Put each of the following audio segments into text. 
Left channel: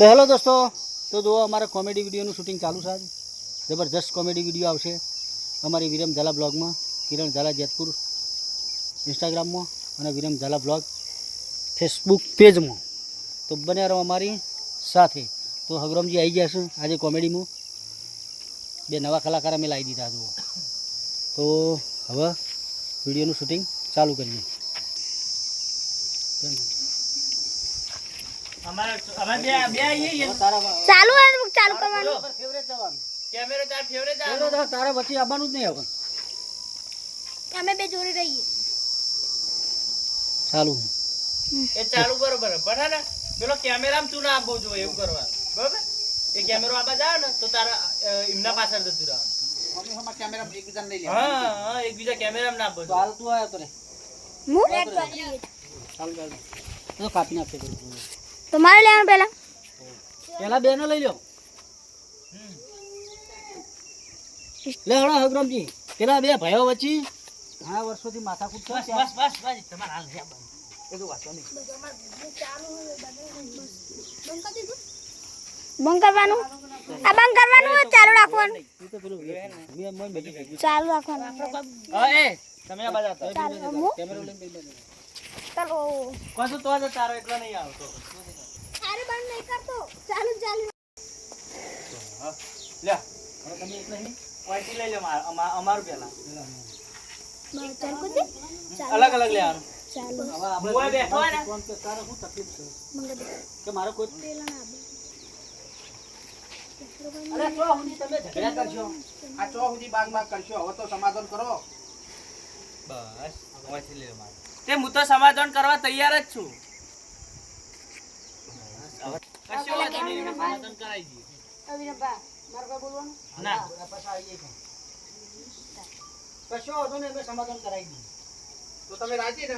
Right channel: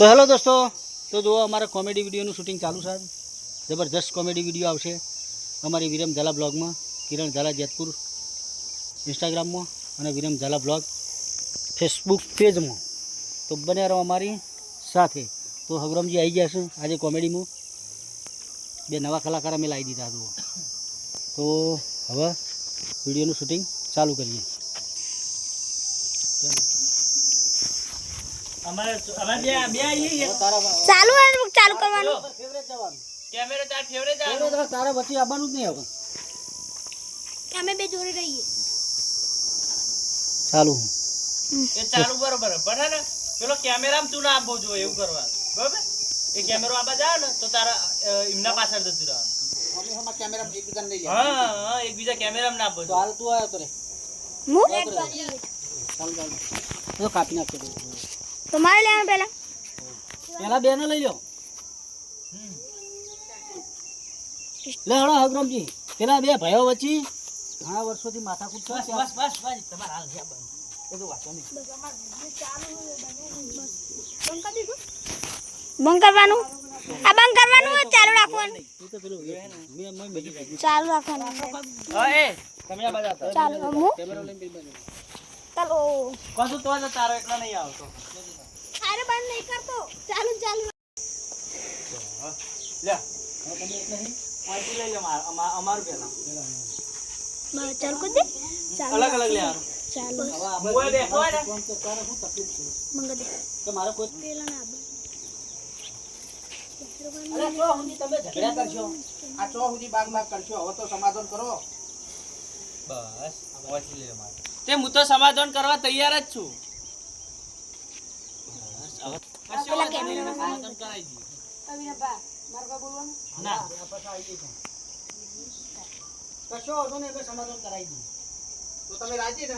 તો હેલો દોસ્તો, તો જુઓ અમારા કોમેડી વિડીયોનું શૂટિંગ ચાલુ છે. જબરજસ્ત કોમેડી વિડીયો આવશે અમારી વિરમ ઝાલા બ્લોગમાં, કિરણ ઝાલા જેતપુર ઇન્સ્ટાગ્રામમાં અને વિરમ ઝાલા બ્લોગ ફેસબુક પેજમાં. તો બને રહો અમારી સાથે. તો હગરમજી આવી ગયા છે આજે કોમેડીમાં. બે નવા કલાકાર અમે લાવી દીધા જુઓ. તો હવે વિડીયોનું શૂટિંગ ચાલુ કરીએ. ચાલુ ચાલુ કરવાનું કેમેરો તાર ફેવરેટ તારા વચ્ચે આવવાનું જ નહીં. હવે અમે બે જોડે રહીએ. ચાલુ એ ચાલુ બરોબર પણ ને પેલો કેમેરામાં તું ના આપવો જોઈએ એવું કરવા બરોબર. એ કેમેરો આબા જાવ ને તો તારા એમના પાછળ જતું રહેવાનું. અમે હમણાં કેમેરા એકબીજાને લઈ લે. હા એકબીજા કેમેરામાં ના આપવો તો હાલ તું આવ્યો તો રે ચાલુ ચાલુ તો કાપી નાખજો. તમારે લેવાનું પહેલા પેલા બેનો લઈ લો. લે હળો હગરમજી, પેલા બે ભાઈઓ વચ્ચે ઘણા વર્ષોથી માથાકૂટ છે. બસ બસ બસ બસ તમારે હાલ છે બંધ એ તો વાંચો નહીં. બંધ કરવાનું. આ બંધ કરવાનું હોય ચાલુ રાખવાનું. એ તો પેલું મેં બધી ચાલુ રાખવાનું. હા એ તમે આ બાજુ આપો. ચાલુ હું કેમેરો લઈને બેસી જાઓ. ચાલો. કશું તો તારો એકલા નહીં આવતો. અરે બંધ નહીં કરતો. ચાલુ ચાલુ. લે હવે તમે એક નહીં વાંચી લઈ લે અમારું પેલા બસ ચાલુ કરી દે. ચાલુ અલગ અલગ લે યાર. ચાલુ હવે હું એ બેઠો આપણે ને. ફોન કે તારે શું તકલીફ છે મંગા દે. કે મારો કોઈ પેલા ના આબે. અરે તો હુંની તમે ઝઘડા કરશો. આ ચો સુધી બાગ કરશો. હવે તો સમાધાન કરો. બસ વાંચી લે મારે તે હું તો સમાધાન કરવા તૈયાર જ છું. કશો વાંધો નહીં એને સમાધાન કરાવી દઈએ. ના કશો વાંધો નહીં, અમે સમાધાન કરાવી દઈએ. તો તમે રાજી ને?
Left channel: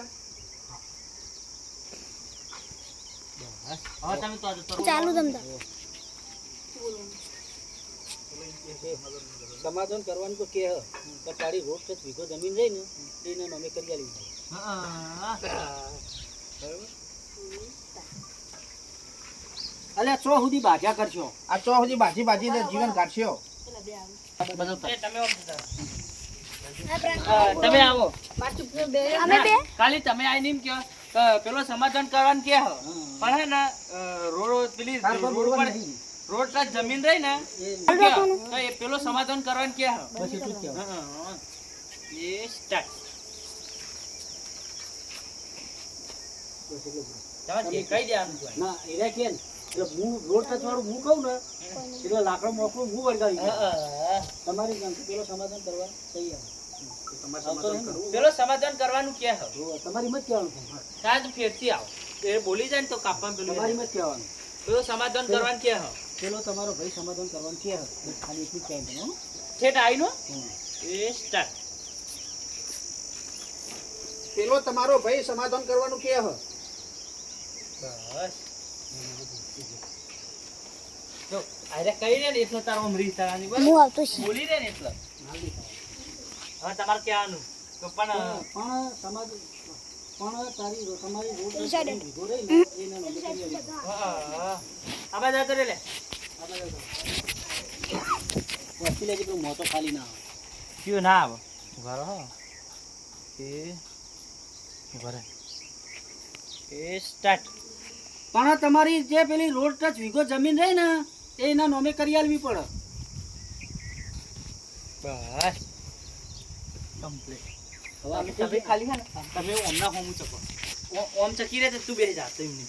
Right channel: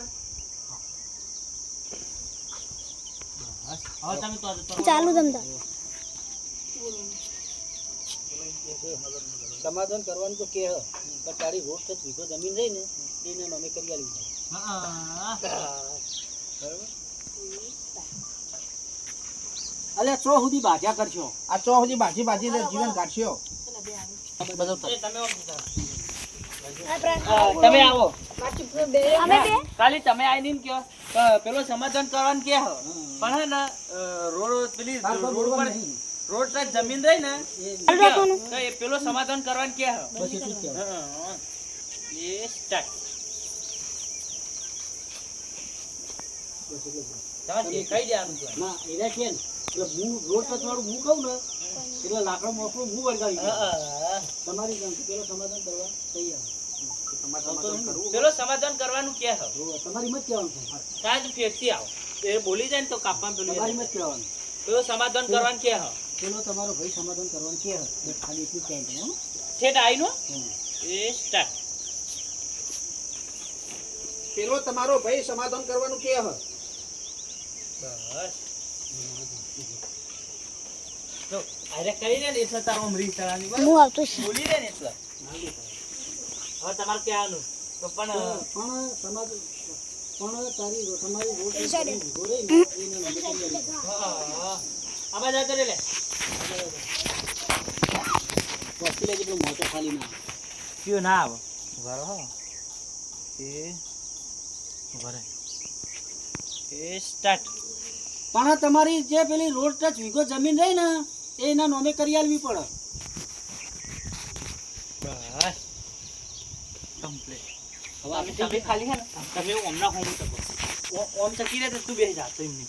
હવે તમે તો ચાલુ ધંધા. સમાધાન કરવાનું તો કે પણ તારી રોડ ટચ વીઘો જમીન રહી ને એને અમે કરી આલી દઈએ. બરાબર. અલ્યા ચો સુધી બાજા કરશો. આ ચો સુધી બાજી ને જીવન કાઢશો. બધો તમે આવો અમે બે ખાલી તમે આવીને એમ કહો કે પેલો સમાધાન કરવાનું કે હો પણ હે ને રોડ પેલી તાર કોઈ બોલવાનું નહીં. રોડ પર જમીન રહી ને ચાલુ રાખવાનું. તો એ પેલો સમાધાન કરવાનું કે હો બસ એટલું જ કહેવાય. એ સ્ટાર્ટ બસ એટલું જ. તમે દેખાઈ દેવાનું છે. ના એરા કે ને એટલે હું રોડ ટચ વાળું હું કહું ને એટલે લાકડો મોકલું હું વળગાવી દઉં. તમારી ગામ પેલો સમાધાન કરવા તૈયાર. તમારે સમાધાન કરવું. પેલો સમાધાન કરવાનું કે હો જો તમારી મત કહેવાનું થાય. તાજ ફેરથી આવો એ બોલી જાય ને તો કાપવાનું પેલું તમારી મત કહેવાનું. પેલો સમાધાન કરવાનું કે હો પેલો તમારો ભાઈ સમાધાન કરવાનું કે બસ ખાલી એટલું જ કહે તમે. હો? ઠેઠ આવીનો હમ. એ સ્ટાર્ટ પેલો તમારો ભાઈ સમાધાન કરવાનું કે હ. બસ જો આરે કહી દે ને એટલે તારો અમરી તારાની બસ હું આવતો છું. બોલી દે ને એટલે હવે તમારે કહેવાનું તો પણ પણ સમાજ પણ તમારી રોડ વીઘો રહી ને એને અમે કરી આલી દઈએ. આબા જાતો રે લે વસ્તી લેજે પેલું મોટો ખાલી ના આવે. કયો ના આવો ઘરો હો એ ઘરે એ સ્ટાર્ટ પણ તમારી જે પેલી રોડ ટચ વીઘો જમીન રહી ને એ એના નોમે કરી આલવી પડે. બસ કમ્પ્લીટ હવે આપણે તમે ખાલી હે ને તમે ઓમના હોમું ચકો ઓમ ચકી રહે તો તું બેસી જા તો એમની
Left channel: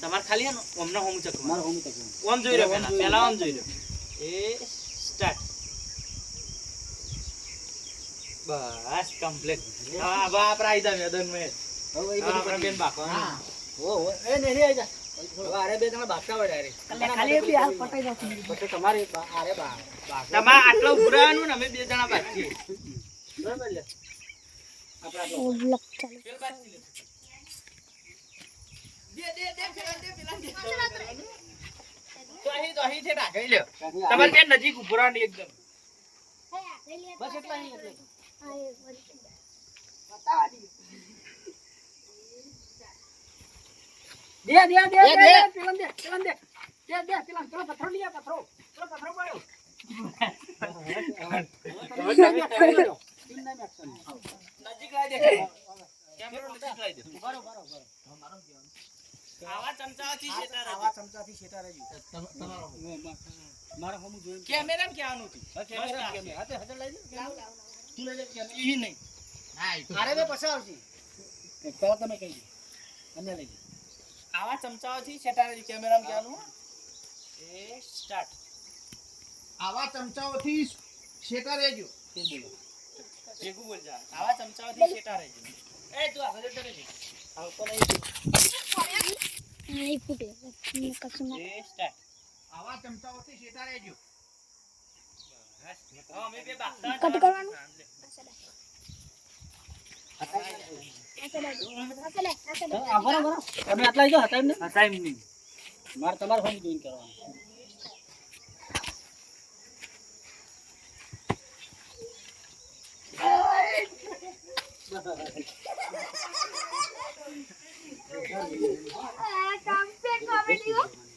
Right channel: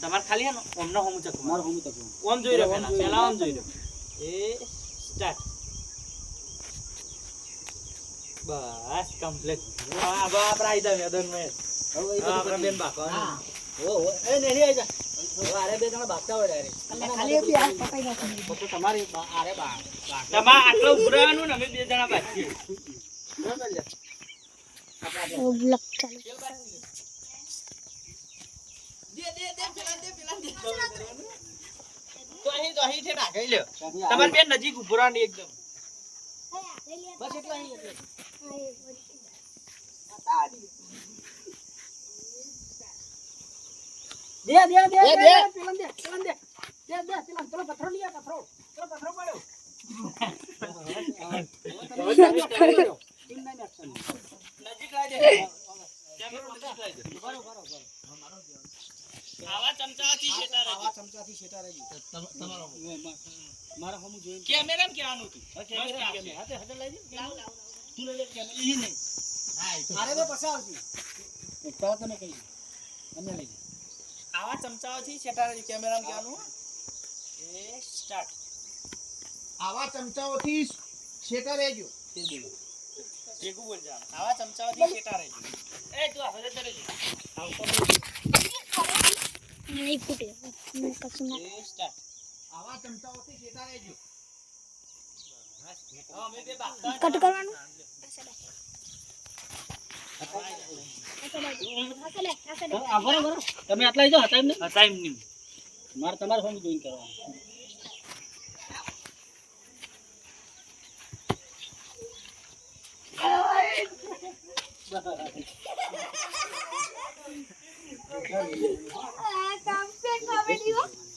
તમારે ખાલી હે ને ઓમના હોમું ચકો મારું હોમી તકું. ઓમ જોઈ રહ્યો પહેલા ઓમ જોઈ રહ્યો એ સ્ટાર્ટ બસ કમ્પ્લીટ હા બા આપડા આઈદા મેદાન મે હવે એ આપડા બધું બેન બાકો ઓ એ નહીં આઈ જા. હવે આરે બે જણા બાગતા હોય ડાયરેક્ટ. ખાલી બે હાથ પકડી રાખો. પછી તમારે આરે બા તમારે આટલો ઉભું રહેવાનું ને અમે બે જણા બાકી બરાબર લે. ઓ બ્લોક ચાલુ. તો અહીં છે ઢાકાઈ લ્યો તમારે બેન નજીક ઉભું રહેવાનું એકદમ બસ એટલા અહીં એટલે. દે દે દે દે પેલા દે પેલા દે પેલો પથરો લઈ આ, પથરો પડ્યો. નજીક લાવી દે કેમેરો નજીક લાવી દે આવા ચમચાથી શેટા આવા ચમચાથી શેટા રહેજો. તમારો મારા હમું જોઈને કેમેરામાં કહેવાનું હતું કેમેરા કેમેરા હાથે હાથે લઈ જા તું લઈ લે કેમેરા ઈ નહીં અરે તો પછી આવશે પહેલા તમે કહી દો અમે લઈ જા આવા ચમચાઓથી શેટા રહેજો કેમેરામાં કહેવાનું એ સ્ટાર્ટ આવા ચમચાઓથી શેટા રહેજો. તે બોલો ભેગું બોલ જા આવા ચમચાઓથી શેટા રહેજો એ તું આગળ જતો રહેજો આવતો નહીં ફૂટે કશું ના નહીં એ સ્ટાર્ટ આવા ચમચાઓથી શેટા રહેજો. હા અમે બે બાગતા કટ કરવાનું બરાબર તમે આટલા લીધો હતા એમને ટાઈમ નહીં મારે તમારે હમું જોઈને કરવાનું કામ છે કોમેડી